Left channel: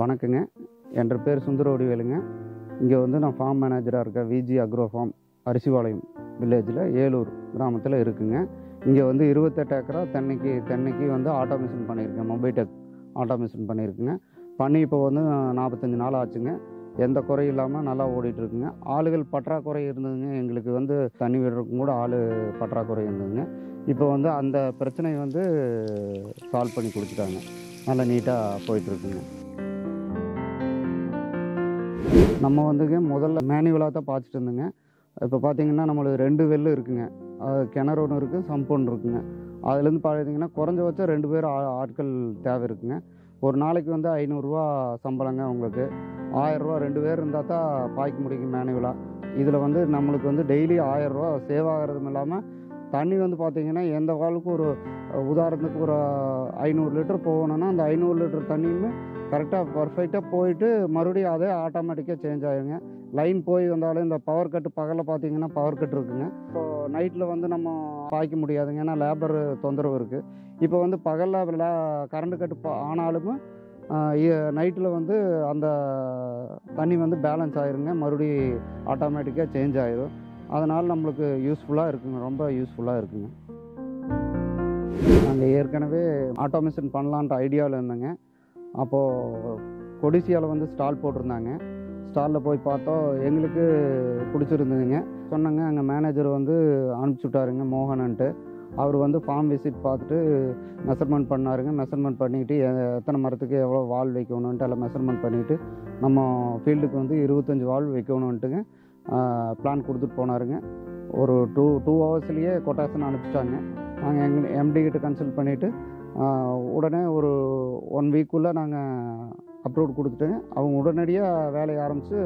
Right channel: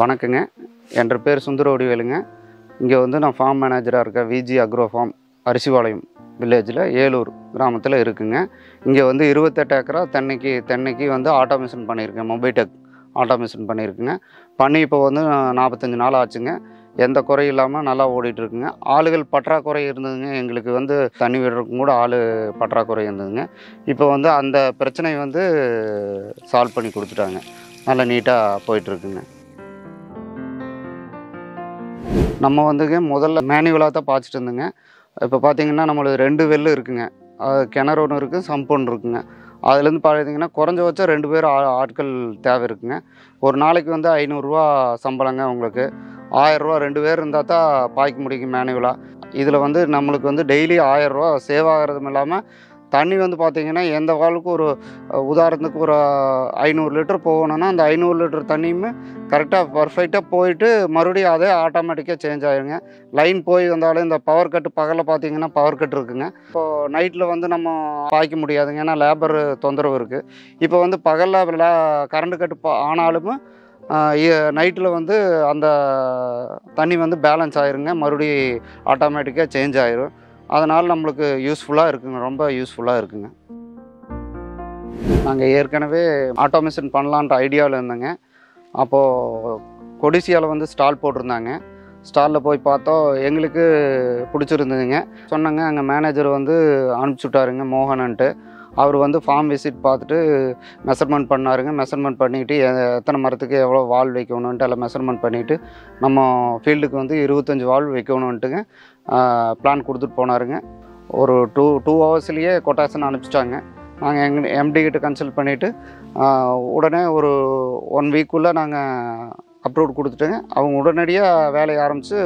வணக்கங்க. என் பேர் சுந்தரவடிவேலுங்க. இங்கே வந்து நான் ஃபார்ம் மேனேஜராக இருக்கேன். விஜி அக்ரோ ஃபார்ம் அரிசிபாளையம் வில்லேஜில் ஏலூர் கிராமத்தில் இருக்குங்க. இங்கே வந்து 28 ஏக்கரா தென்னைக்கு வந்து ஆட்டோமேஷன் பண்ணியிருக்கேன். மொபைடெக் ஆட்டோமேஷன் பண்ணியிருக்குங்க. பண்ணி இப்போ வந்து 45 நாள் ஆச்சுங்க. எந்த குறையும் இல்லாமல் நல்லா ஓடிட்டுருக்குங்க. ஆளுகள் பற்றாக்குறை இருந்ததுங்க. எங்களுக்கு வந்து தண்ணி விடுறதுக்கும் கூட ஆள் பற்றாக்குறை இருந்ததுங்க. இப்போ வந்து அந்த பிரச்சனையை வந்து சால்வ் பண்ணி கொடுத்துட்டாங்க. நல்லா நீட்டாக போயிட்டுருக்குங்க. நம்ம வந்துங்க முதல்ல மேனுவலாக தான் பாய்ச்சிட்டு இருந்தோங்க. இப்போ பார்த்தீங்கன்னா நம்மளுக்கு 2 வெல்லு இருக்குங்க. கிணறு ஒன்று இருக்குது, சம்ப் ஒன்று இருக்குங்க. அதுலேருந்து பார்த்தீங்கன்னா குறைஞ்சபட்சம் 2 பேர் ஆட்கள் தேவை இருக்குங்க. ஒரு நாளைக்கு வந்து ரூ. 500 சம்பளங்க. உங்களுக்கு ரூ. 1000 2 பேர் இருந்தால் தான் பாய்க்க முடியுங்க மேனுவலாக. இதில் வந்து நம்மளுக்கு வந்து டெய்லி ரூ. 1000 சேவ் ஆகிறதும் இல்லாமல் தண்ணி வந்து பார்த்திங்கன்னா எந்த வாளுக்கு ஒரு உதாரணத்துக்கு ஒரு 500 லிட்டர் போகணுன்னா அந்த 500 லிட்டர் தண்ணியுமே கரெக்டாக பர்ஃபெக்டாக போயிட்டு மறுபடியும் அதே ஆட்டோமேட்டிக்காக சேஞ்ச் ஆகிடுங்க. லைன் போய் வந்தாலும் இந்த பவர் கட்டு பகலில் பார்த்திங்கன்னா பவர் கட் இருக்குங்க. இப்போது நைட்டில் வந்து நம்ம பாய்க்க முடியாதுங்க, ஏன்னா லேபர் தொந்தரவு இருக்குது. இப்போ வந்து பகலில் கரண்ட் கட்டு ஆனாலும் நைட்டில் வந்து அந்த தண்ணி வந்து பேலன்ஸ் ஆகிருங்க, மறுபடியும் ஆட்டோமேட்டிக்காக சேஞ்ச் ஆகிரும். அதனால் நம்மளுக்கு யூஸ்ஃபுல்லாக இருக்குங்க, ரொம்ப யூஸ்ஃபுல்லாக இருக்குங்க. நாங்கள் ஏற்கனவே ஆட்டோமேஷன் பண்ணலான்ற ஐடியாவில் இருந்தேங்க. அப்போது கொடிசியாவில் வந்து ஸ்டால் போட்டிருந்தாங்க. ஸ்டாலில் போய் பார்த்தோம், எங்களுக்கு பிடிச்சிருந்ததுங்க. சொன்னாங்க, அங்கே மேனேஜர் வந்து அனுப்பிச்சி விட்டாருங்க, மோகனன்ட்டு. அவர் வந்து ஃபார்ம் விசிட் பார்த்துட்டு மெஷர்மெண்ட் பண்ணாருங்க. மெஷர்மெண்ட் பண்ணிவிட்டு எத்தனை மரத்துக்கு எவ்வளோ வால் வைக்கணுன்ட்டு எல்லாம் மெஷர்மெண்ட் பண்ணிவிட்டு நம்ம ஃபீல்டுக்கு வந்து 25 வால் வைக்கணுன்ட்டுங்க பிளான் கொடுத்துட்டு போனாருங்க. ஒரு டூ ஹவர்ஸ்லேயே கொட்டேஷன் அனுப்பிச்சிட்டாங்க. நாங்கள் எங்கள் எம்டி கிட்ட கன்சல்ட் பண்ணிவிட்டு உடனே ஒரு 1 வீக்குள்ளே நாங்கள் அப்ரூவ் கொடுத்துட்டோங்க. அவங்க உடனடியாக வேலையை ஆரம்பித்து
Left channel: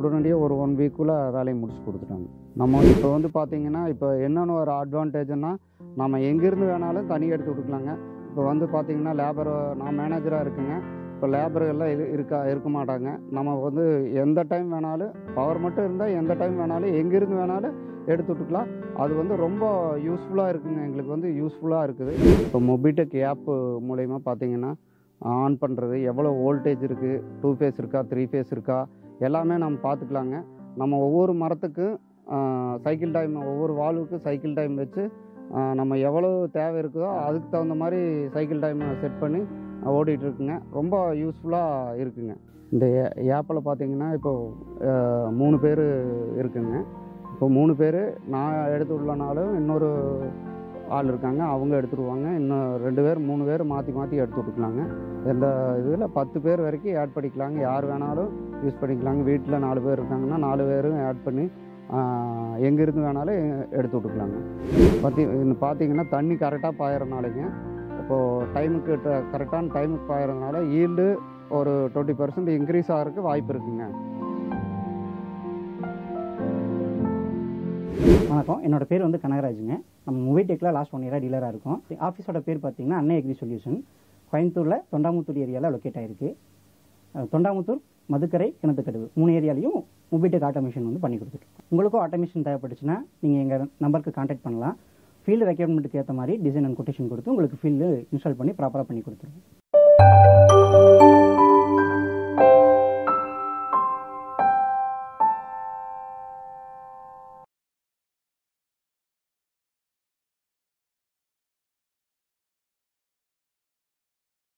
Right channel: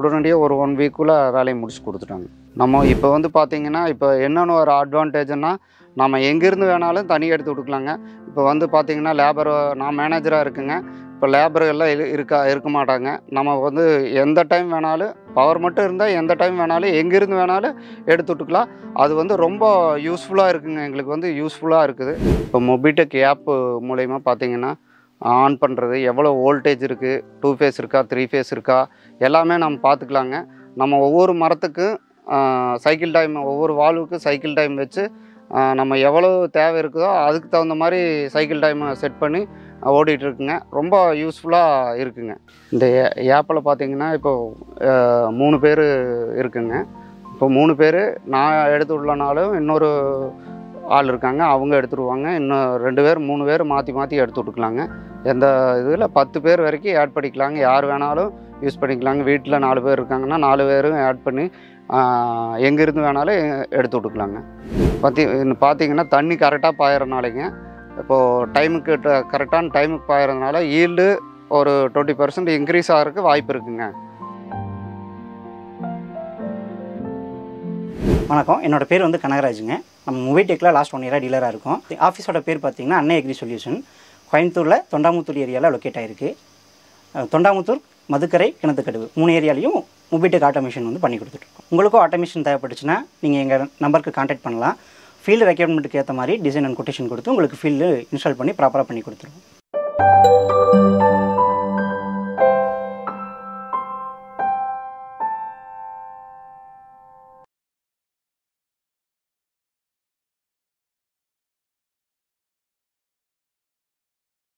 உடனடியாக ஒரு 1 வீக்குள்ளே வேலையை முடிச்சு கொடுத்துட்டாங்க. நம்ம இப்போ வந்து பார்த்திங்கன்னா இப்போ என்னென்னு ஒரு அட்வான்டேஜ்னால், நம்ம எங்கேருந்து வேணாலும் தண்ணி எடுத்து விட்டுக்கலாங்க. இப்போ வந்து பார்த்திங்கன்னா லேபர், நான் மேனேஜராக இருக்குங்க. இப்போ லேபர் எல்லாம் இருக்க மாட்டாங்க. நம்ம வந்து எந்த டைம் வேணாலும் பவர் மட்டும் இருந்தால் எந்த டைம் வேணாலும் எங்கேருந்து வேணாலும் எடுத்து விட்டுக்கலாம். அது வந்து ரொம்ப யூஸ்ஃபுல்லாக இருக்குங்க. எங்களுக்கு வந்து யூஸ்ஃபுல்லாக இருக்குது. இப்போ மொபிடெக் ஆப்பு மூலயமா பார்த்திங்கன்னா ஆன் பண்ணுறது, எவ்வளோ வோல்டேஜ் இருக்குது, 2 ஃபேஸ் இருக்கா, 3 ஃபேஸ் இருக்கா, எல்லாமே நம்ம பார்த்துக்கலாங்க. நம்ம ஒவ்வொரு மரத்துக்கும் சைக்கிள் டைம், ஒவ்வொரு வால்வுக்கு சைக்கிள் டைம் வச்சு நம்ம எவ்வளோ தேவை இருக்குதோ அதுக்கு தகுந்த மாதிரி சைக்கிள் டைமை செட் பண்ணி ஓடிட்டுருக்குங்க. ரொம்ப யூஸ்ஃபுல்லாக இருக்குங்க. இந்த ஆப்பில் பார்த்திங்கன்னா இப்போது 3 பேர் இருக்குங்க. இப்போ 3 பேர் நான் எடுத்து விடலனாலும் இன்னொரு ஆள் இருக்காங்க, அவங்க எடுத்துடுவாங்க. இன்னும் 2 பேர் 3 பேர் மாற்றி எடுத்து விட்டுக்கலாங்க. எந்த இதில் 10 பேர் வரைக்கும் ஆட் பண்ணிக்கலாங்க. யார் வேணாலும் யூஸ் பண்ணிக்கலாங்க. வீட்டில் 4 பேர் இருக்காங்கன்னா 4 பேரும் ஆட் பண்ணி எங்கேருந்து வேணாலும் எடுத்து விட்டுக்கலாங்க. பார்த்திங்கன்னா தண்ணி கரெக்டாக பாயிறனாலேங்க, இப்போது டைமுக்கு கரெக்டான டைமுக்கு பாயிறதுனால ஈல்டு ஒரு 20% இன்க்ரீஸ் ஆகிறதுக்கு வாய்ப்பு இருக்குங்க. வணக்கம், என்னோடய பேர் வந்து கனகராஜுங்க. நம்ம மொபைடெக்கில் லாஸ்ட் 1 இயராக டீலராக இருக்கோம். ஆஃபீஸோட பேர் பார்த்திங்கன்னா அன்னை அக்ரி சொல்யூஷன். கோயம்புத்தூரில் தொண்டாமுத்தூர் ஏரியாவில் லொக்கேட் ஆகிருக்கு. தொண்டாமுத்தூர், மதுக்கரை, கிணத்துக்கடவு 3 ஏரியாலையும் மொபைடெக் ஆட்டோமேஷன் வந்து பண்ணி கொடுத்துட்ருக்கோம். உங்களுக்கும் ஆட்டோமேஷன் தேவைப்பட்டுச்சுன்னா நீங்கள் எங்கள் நம்பருக்கு கான்டாக்ட் பண்ணலாம். ஃபீல்டு ரெக்யர்மெண்ட்டுக்கு ஏற்ற மாதிரி டிசைன் அண்ட் கொட்டேஷன் கொடுத்து உங்களுக்கு ஃபீல்டு இன்ஸ்டால் பண்ணி ப்ராப்பராக பண்ணி கொடுத்துருவோம்.